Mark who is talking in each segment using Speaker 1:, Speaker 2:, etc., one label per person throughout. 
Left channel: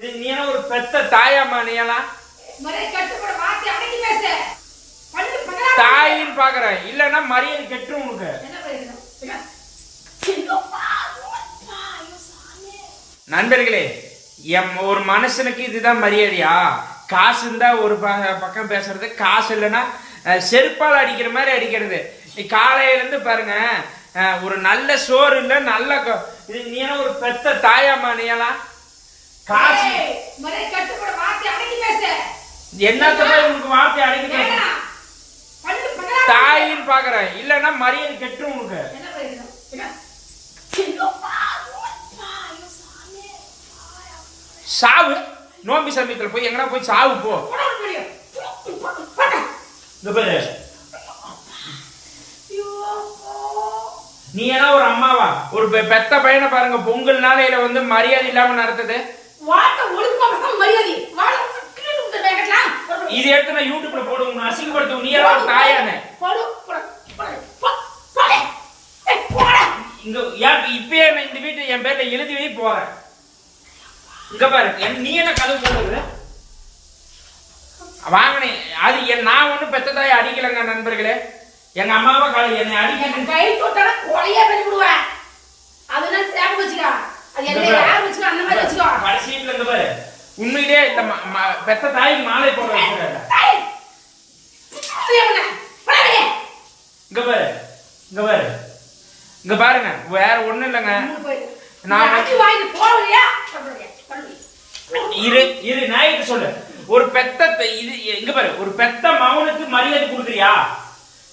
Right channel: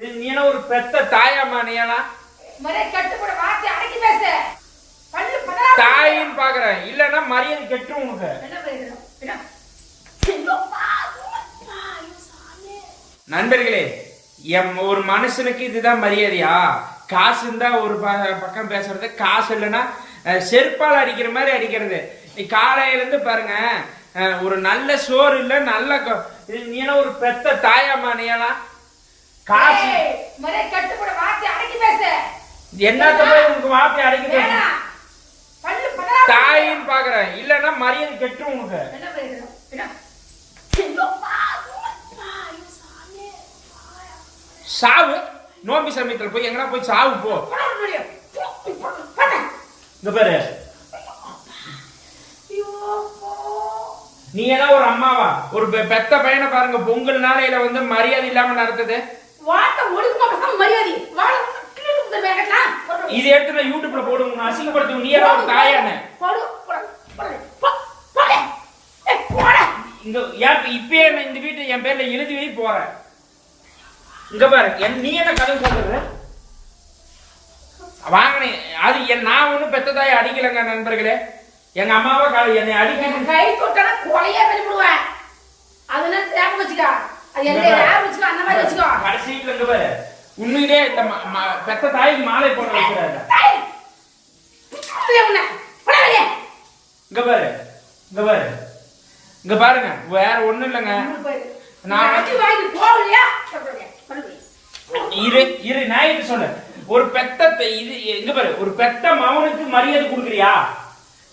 Speaker 1: நீ என்ன ஒரு பெத்த தாயாமா நீ எல்லாம் தாயின்னு பாக்குறேன். இல்லன்னா மரியாதை கெட்டுரும் உனக்கு. நண்பர்களே எம் ஒரு மனுஷனுக்கு இதுதான் மரியாதையா? காசு இருந்தா ஒரு ப- பக்கம் பேசுறது. காசு இல்லைன்னா செருப்பால் அடிக்கிற மாதிரி அடிக்கிறது. நீ காலையில இருந்து பாருங்க ஒரு நல்ல சோறு இல்ல நல்ல நீ ஒரு பெத்த தாயாமா நீ எல்லாம் காசு.
Speaker 2: மரியாதை கட்டுப்பட வார்த்தை அடக்கி பேசு.
Speaker 1: என்னத்த போய் உனக்கு வார்த்தை அடக்கி பேச? தாயின்னு பாக்குறேன். இல்லன்னா மரியாதை கெட்டுரும் உனக்கு. சாவு? நோம்பி சமயத்துல போய் எங்கனா போய் சாவு போ. இங்க பாரு. நீ ஏன்னா ஒரு அம்மாவா? ஒரு பெத்த பையனை பாருங்க. பொங்கல் நாளையில வந்து மரியாதை இல்லாம நடத்துது.
Speaker 2: வார்த்தை ஒழுக்கமா பேசினா மரியாதை. வாழை குத்துற பேக்கெட்லாம்.
Speaker 1: இது எடுத்து நான் யூடியூப்ல போடுவோம் உன்னை அசிங்கப்படுத்துவோம் நீ எல்லாம் தாயானே.
Speaker 2: போடு.
Speaker 1: இங்க ஏன் இப்பயே நான் இந்த வீட்டை என் பேர்ல எழுதி வை போறேன் இங்க பாரு என் நீ என்ன கதவு போடுறது வாங்கினேன் அது என் நான் ஒன்றும் பெத்த தாயை அடிக்கலைங்க நண்பர்களே. எங்க அம்மாவை என்னை அடிக்க
Speaker 2: கை தொட்டனா கொலையா பண்ணிவிடுவேன் அதனால தேவை வச்சுக்கோ
Speaker 1: கடைசியில இங்க பாரு. உண்மையிலே இந்த பெத்த தாய்க்கு மாலை போட
Speaker 2: வெளியே.
Speaker 1: இங்க பாரு. இங்க பாரு. இங்க பாருங்க. வேற ஒண்ணும் இல்லைங்க. நான். இரு இரு நாயக்கு சொல்லு. ஒரு பெத்த இது இங்க பாரு. ஒரு பெத்த மகனுக்கு மரியாதை கொடுக்குறியா?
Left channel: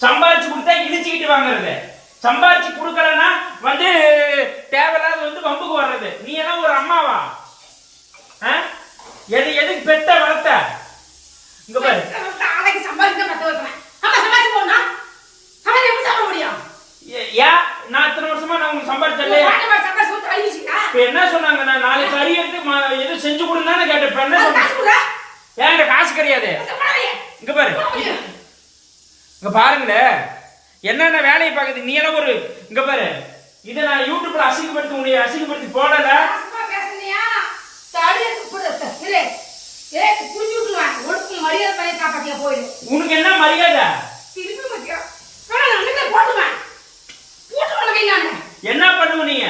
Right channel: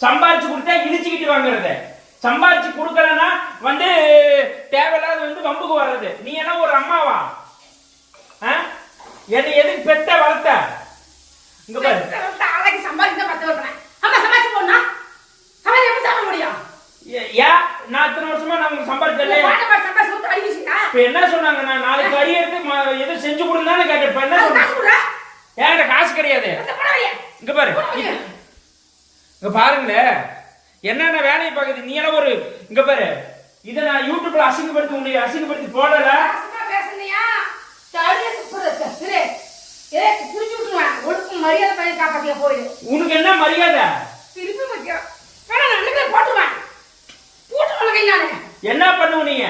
Speaker 1: சம்பாரிச்சு கொடுத்தா இடிச்சுக்கிட்டு வாங்குறது. சம்பாரிச்சு கொடுக்கலன்னா வந்து தேவையில்லாத வந்து வம்புக்கு வர்றது. நீ எல்லாம் ஒரு அம்மாவா? எது எதுக்கு பெத்த வளர்த்த? இங்க பாரு.
Speaker 2: ஆளைக்கு சம்பாதிக்க பெத்த வைக்கிறேன். ஆமா, சம்பாதிச்சு போடணும். சம்பாதிக்க எப்படி சாப்பிட முடியும்?
Speaker 1: ஏன் நான் இத்தனை வருஷமா நான் உங்களுக்கு
Speaker 2: சம்பாதிச்சு வச்சுக்கிட்டா?
Speaker 1: இப்ப என்ன சொன்னாங்க? நான் நாளைக்கு கறி எடுத்து ம- எதுவும் செஞ்சு கொடுந்தானே கேட்டேன். இப்ப என்ன
Speaker 2: அது
Speaker 1: சொன்னாங்க?
Speaker 2: காசு
Speaker 1: கிடையாது. இங்க பாரு. இங்க பாருங்களேன். என்னென்ன வேலையை பார்க்குது? நீ எல்லாம் ஒரு இங்க பாரு. இதை நான் யூடியூப்ல அசிங்கப்படுத்தி உன்னை அசிங்கப்படுத்தி போடல. உனக்கு என்ன மரியாதை? என்ன பண்ணுவ நீங்க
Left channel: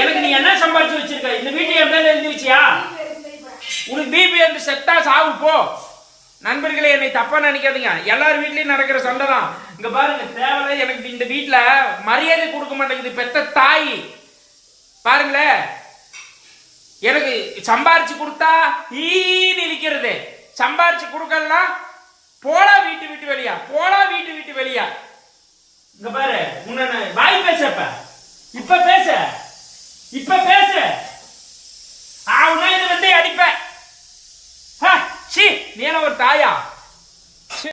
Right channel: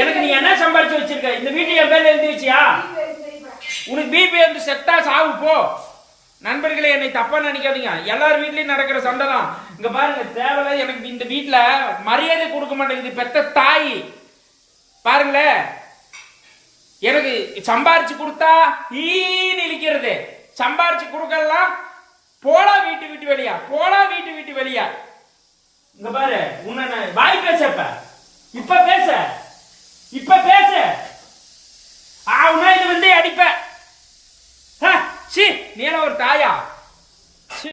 Speaker 1: எனக்கு நீ என்ன சம்பாரிச்சு வச்சிருக்க? இந்த வீட்டை என் பேர்ல எழுதி வச்சியா? உனக்கு பிபி வந்து செத்தா சாவு போ. நண்பர்களே என்னை தப்பா நினைக்காதீங்க. எல்லார் வீட்லயும் நடக்கிற சண்டை தான் இங்க பாருங்க தேவையில்ல எனக்கு இந்த வீட்டில் மரியாதை கொடுக்க மாட்டேங்குது பெத்த தாய். பாருங்களேன் எனக்கு சம்பாரிச்சு கொடுத்தா ஈன்னு இழிக்கிறது சம்பாரிச்சு கொடுக்கலாம் போலா வீட்டு விட்டு வெளியா? போலா வீட்டு விட்டு வெளியா? இங்க பாரு உன்னை நான் வாய் பேச இப்ப இப்ப பேச. இப்ப பேச ஆவுனா இது வந்து அடிப்ப ஹ, சீ நீ என்ன ஒரு தாயா?